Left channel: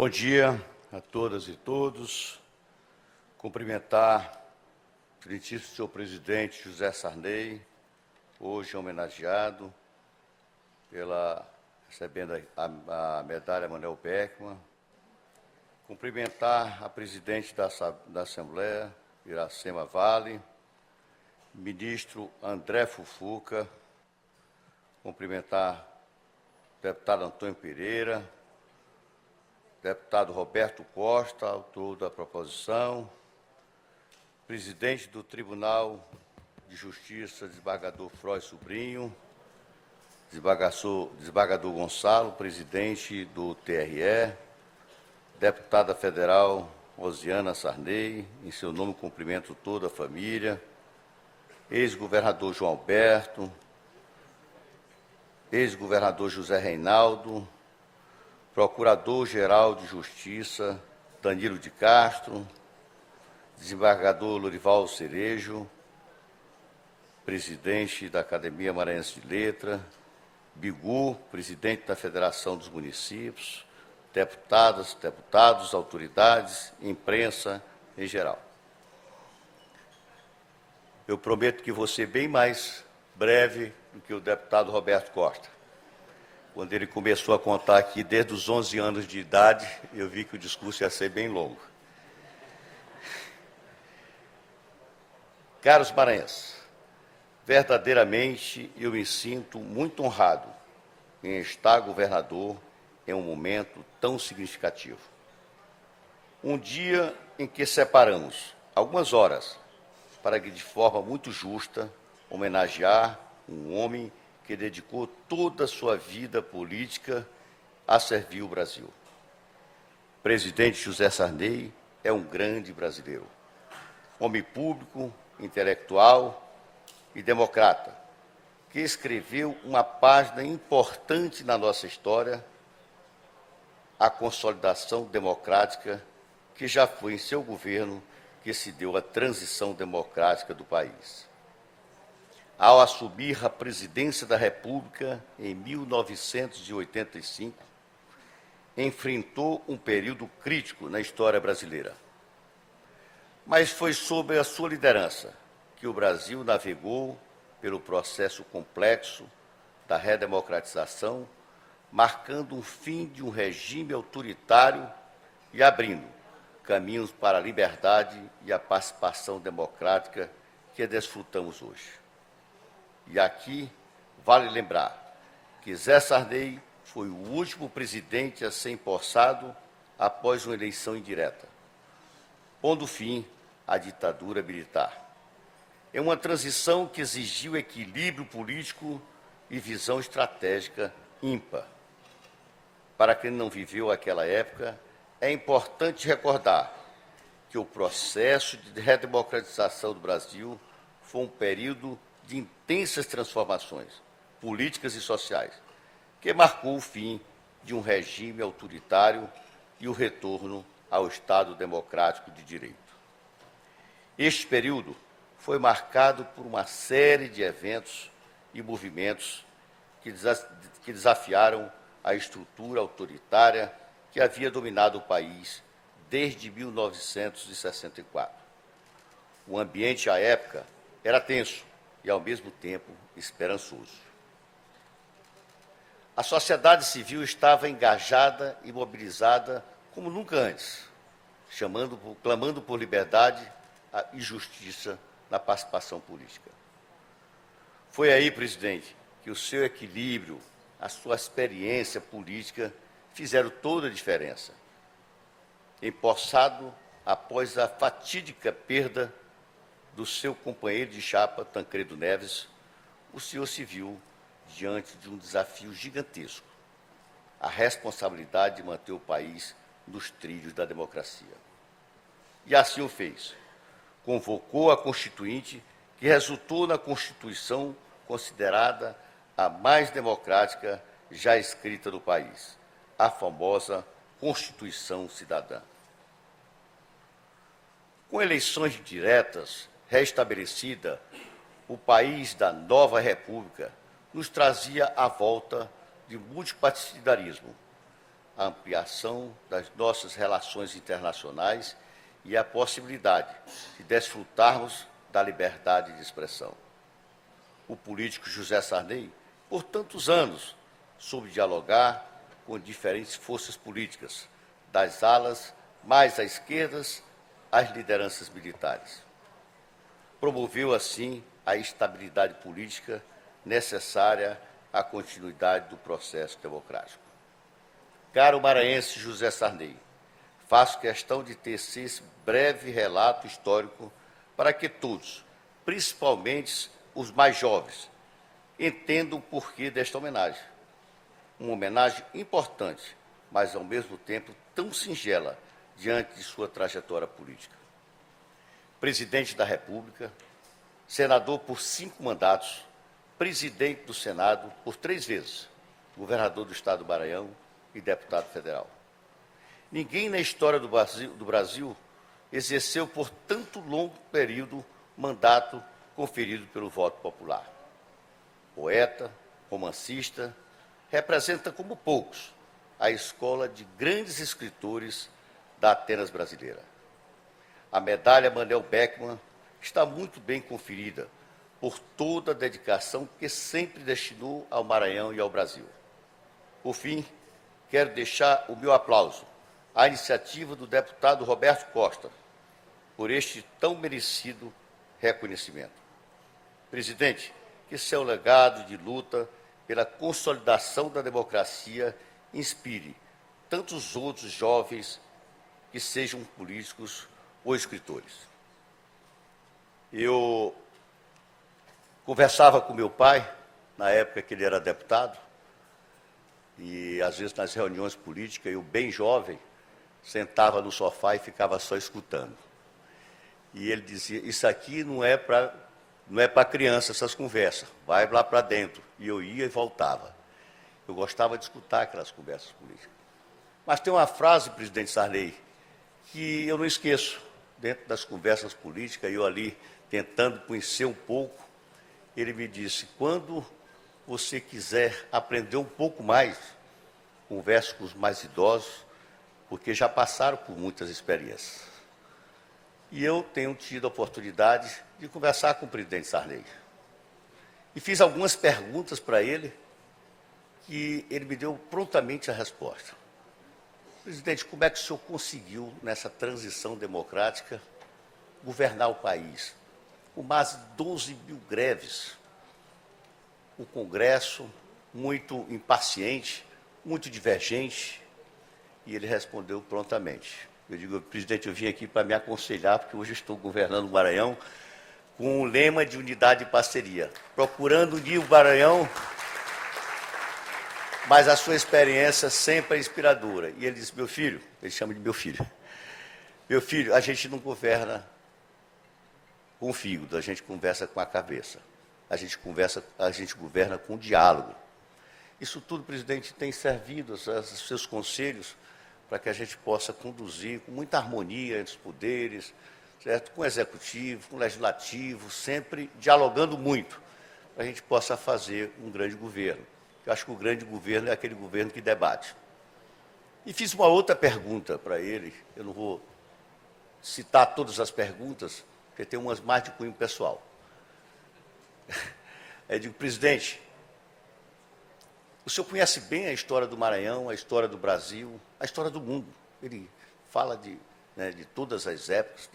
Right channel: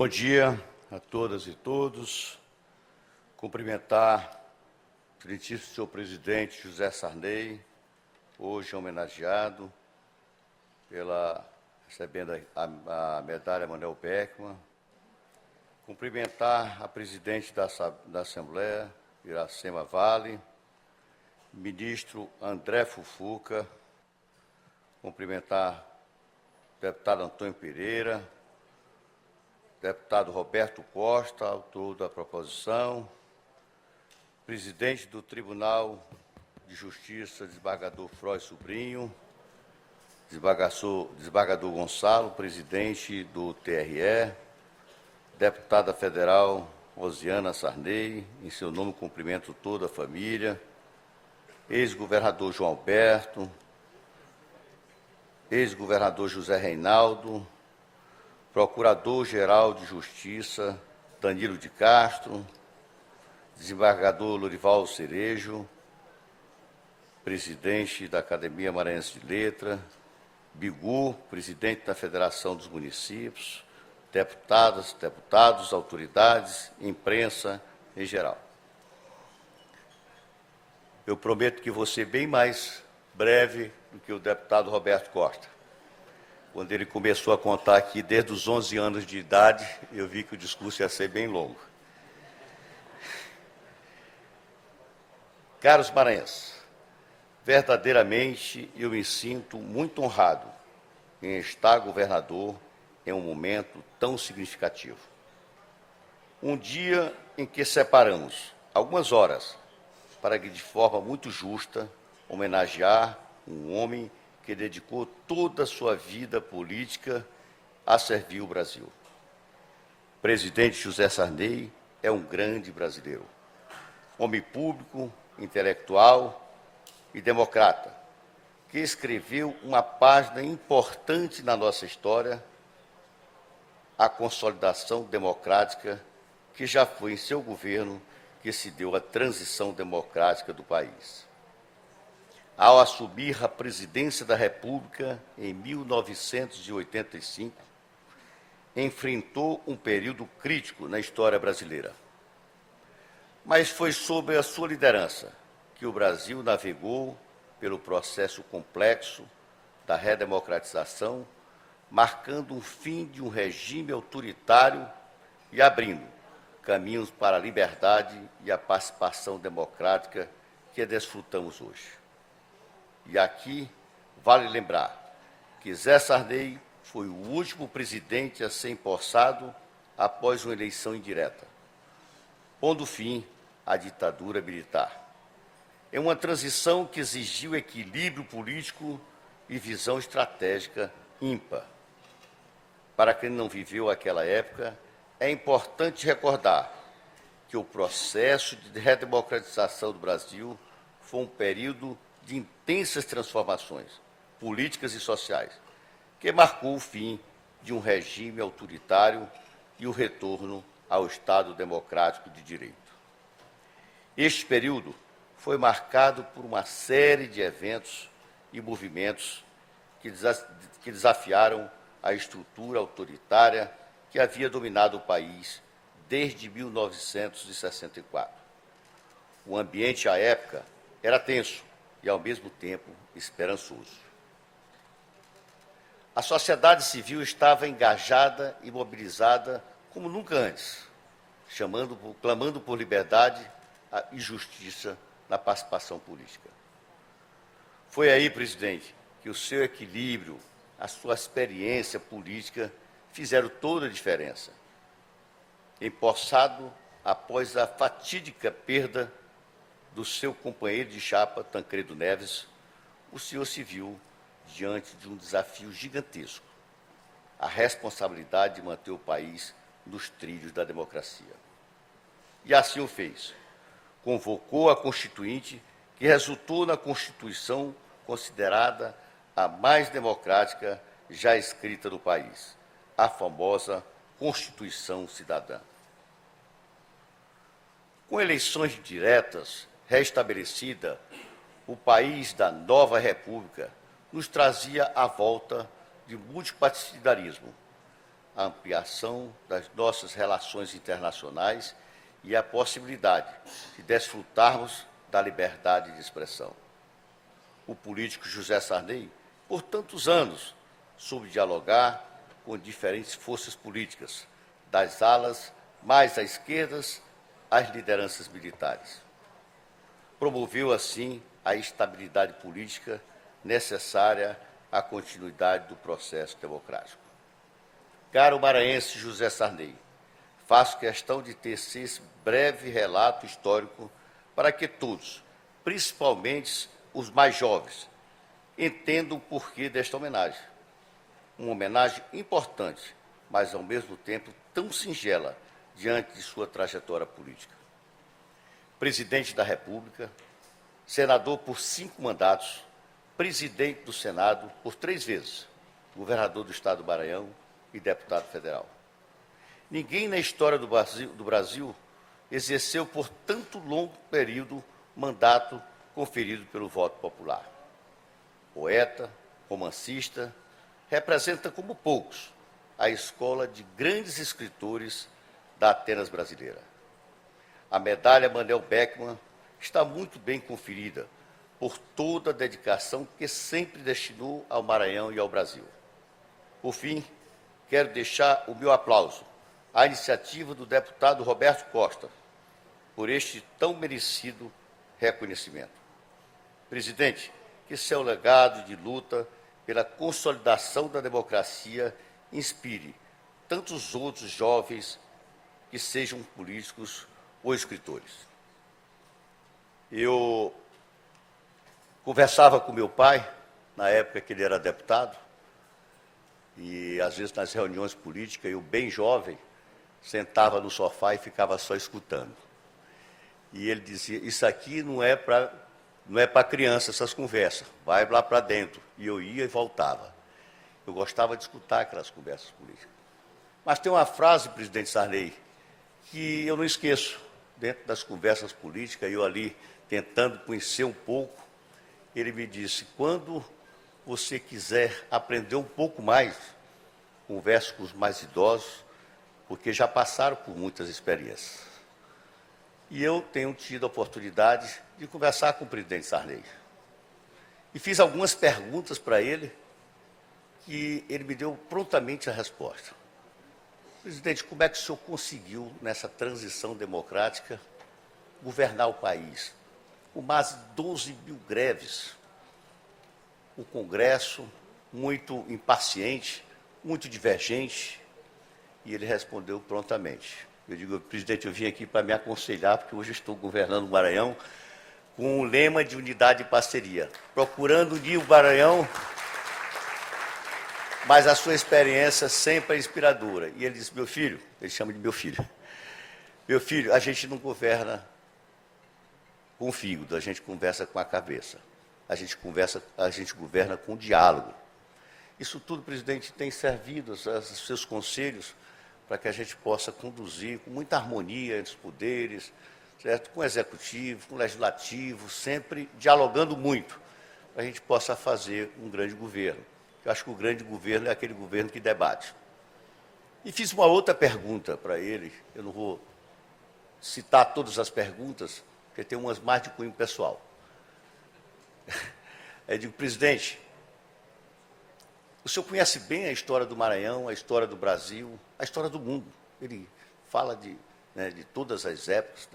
Bom dia a todas e todos. Cumprimentar o excelentíssimo senhor presidente José Sarney, hoje homenageado recebendo a medalha Manuel Beckmann. Cumprimentar a presidente da Assembleia, Iracema Vale, ministro André Fufuca, cumprimentar o deputado Antônio Pereira, deputado Roberto Costa, autor da proposição, presidente do Tribunal de Justiça, desembargador Froy Sobrinho, desembargador Gonçalo, presidente do TRE, deputada federal Rosiana Sarney, em seu nome cumprimento toda a família, ex-governador João Alberto, ex-governador José Reinaldo, procurador-geral de Justiça Danilo de Castro, desembargador Lorival Cerejo, presidente da Academia Maranhense de Letras, Bigu, presidente da Federação dos Municípios, deputadas, deputados, autoridades, imprensa em geral. Eu prometo que vou ser bem mais breve do que o deputado Roberto Costa. Quando ele começou a contar aqui desde os 11 anos de idade, eu vi que o discurso ia ser bem longo. Caros maranhenses, verdadeiramente eu me sinto muito honrado em estar governador em um momento tão significativo. Um dia em que separamos algumas horas para que, de forma muito justa, homenagear um homem que dedicou toda a sua vida política a servir o Brasil. O presidente José Sarney é um grande brasileiro, homem público, intelectual e democrata, que escreveu uma página importante na nossa história, a consolidação democrática, que já foi em seu governo que se deu a transição democrática do país. Ao assumir a presidência da República em 1985, enfrentou um período crítico na história brasileira. Mas foi sob a sua liderança que o Brasil navegou pelo processo complexo da redemocratização, marcando o fim de um regime autoritário e abrindo caminhos para a liberdade e a participação democrática que desfrutamos hoje. E aqui vale lembrar que Zé Sarney foi o último presidente a ser empossado após uma eleição indireta, pondo fim à ditadura militar. É uma transição que exigiu equilíbrio político e visão estratégica ímpar. Para quem não viveu aquela época, é importante recordar que o processo de redemocratização do Brasil foi um período de intensas transformações políticas e sociais, que marcou o fim de um regime autoritário e o retorno ao Estado democrático de direito. Este período foi marcado por uma série de eventos e movimentos que desafiaram a estrutura autoritária que havia dominado o país desde 1964. O ambiente à época era tenso e, ao mesmo tempo, esperançoso. A sociedade civil estava engajada e mobilizada como nunca antes, clamando por liberdade e justiça na participação política. Foi aí, presidente, que o seu equilíbrio, a sua experiência política fizeram toda a diferença. Empossado após a fatídica perda do seu companheiro de chapa, Tancredo Neves, o senhor se viu diante de um desafio gigantesco, a responsabilidade de manter o país nos trilhos da democracia. E assim o fez. Convocou a Constituinte, que resultou na Constituição considerada a mais democrática já escrita do país, a famosa Constituição Cidadã. Com eleições diretas restabelecida, o país da nova República nos trazia a volta de multipartidarismo, a ampliação das nossas relações internacionais e a possibilidade de desfrutarmos da liberdade de expressão. O político José Sarney, por tantos anos, soube dialogar com diferentes forças políticas, das alas mais à esquerda às lideranças militares. Promoveu, assim, a estabilidade política necessária à continuidade do processo democrático. Caro maranhense José Sarney, faço questão de tecer esse breve relato histórico para que todos, principalmente os mais jovens, entendam o porquê desta homenagem. Uma homenagem importante, mas ao mesmo tempo tão singela diante de sua trajetória política. Presidente da República, senador por 5 mandatos, presidente do Senado por 3 vezes, governador do Estado do Maranhão e deputado federal. Ninguém na história do Brasil exerceu por tanto longo período mandato conferido pelo voto popular. Poeta, romancista, representa como poucos a escola de grandes escritores da Atenas brasileira. A medalha Manuel Beckmann está muito bem conferida por toda a dedicação que sempre destinou ao Maranhão e ao Brasil. Por fim, quero deixar o meu aplauso à iniciativa do deputado Roberto Costa por este tão merecido reconhecimento. Presidente, que seu legado de luta pela consolidação da democracia inspire tantos outros jovens que sejam políticos ou escritores. Eu conversava com meu pai, na época que ele era deputado, e às vezes nas reuniões políticas, eu bem jovem, sentava no sofá e ficava só escutando. E ele dizia, isso aqui não é para criança, essas conversas, vai lá para dentro. E eu ia e voltava. Eu gostava de escutar aquelas conversas políticas. Mas tem uma frase, presidente Sarney, que eu não esqueço, dentro das conversas políticas, eu ali tentando conhecer um pouco, ele me disse, quando você quiser aprender um pouco mais, converse com os mais idosos, porque já passaram por muitas experiências. E eu tenho tido a oportunidade de conversar com o presidente Sarney. E fiz algumas perguntas para ele, que ele me deu prontamente a resposta. Presidente, como é que o senhor conseguiu, nessa transição democrática, governar o país? Com mais de 12 mil greves, o Congresso muito impaciente, muito divergente, e ele respondeu prontamente. Eu digo, presidente, eu vim aqui para me aconselhar, porque hoje estou governando o Maranhão com o lema de unidade e parceria, procurando unir o Maranhão, mas a sua experiência sempre é inspiradora. E ele disse, meu filho, ele chama de meu filho, a gente não governa com o fígado, a gente conversa com a cabeça, a gente governa com o diálogo. Isso tudo, presidente, tem servido aos seus conselhos para que a gente possa conduzir com muita harmonia entre os poderes, certo? Com o executivo, com o legislativo, sempre dialogando muito, para a gente possa fazer um grande governo. Eu acho que o grande governo é aquele governo que debate. E fiz uma outra pergunta para ele, eu não vou citar todas as perguntas, porque tem umas mais de cunho pessoal. Eu digo, presidente, o senhor conhece bem a história do Maranhão, a história do Brasil, a história do mundo. Ele fala de todas as épocas,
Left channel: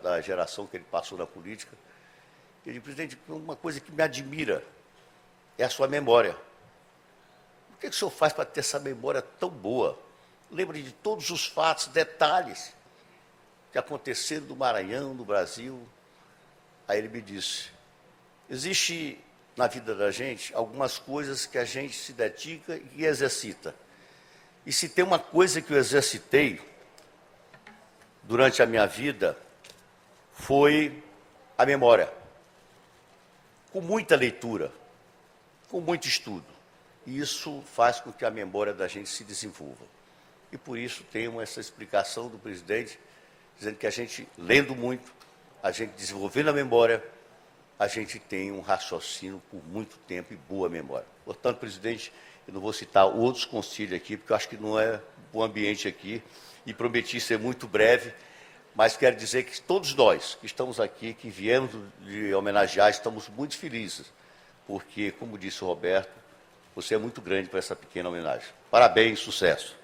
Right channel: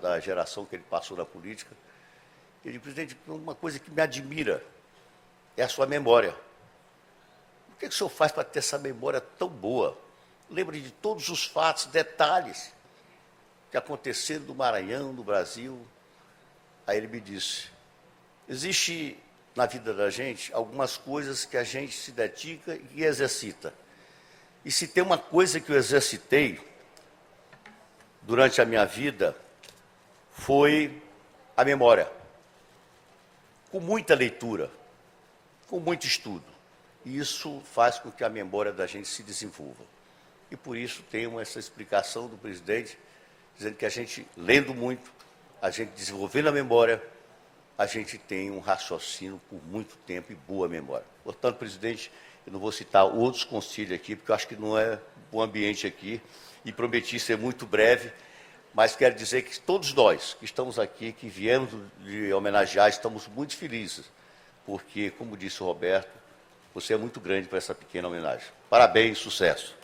da geração que ele passou na política. Ele diz, presidente, uma coisa que me admira é a sua memória. O que o senhor faz para ter essa memória tão boa? Lembre de todos os fatos, detalhes que aconteceram no Maranhão, no Brasil. Aí ele me disse, existe na vida da gente algumas coisas que a gente se dedica e exercita. E se tem uma coisa que eu exercitei durante a minha vida, foi a memória. Com muita leitura, com muito estudo. E isso faz com que a memória da gente se desenvolva. E por isso tenho essa explicação do presidente, dizendo que a gente, lendo muito, a gente desenvolvendo a memória, a gente tem um raciocínio por muito tempo e boa memória. Portanto, presidente, eu não vou citar outros conselhos aqui, porque eu acho que não é o ambiente aqui e prometi ser muito breve, mas quero dizer que todos nós que estamos aqui, que viemos de homenagear, estamos muito felizes, porque, como disse o Roberto, você é muito grande para essa pequena homenagem. Parabéns, sucesso.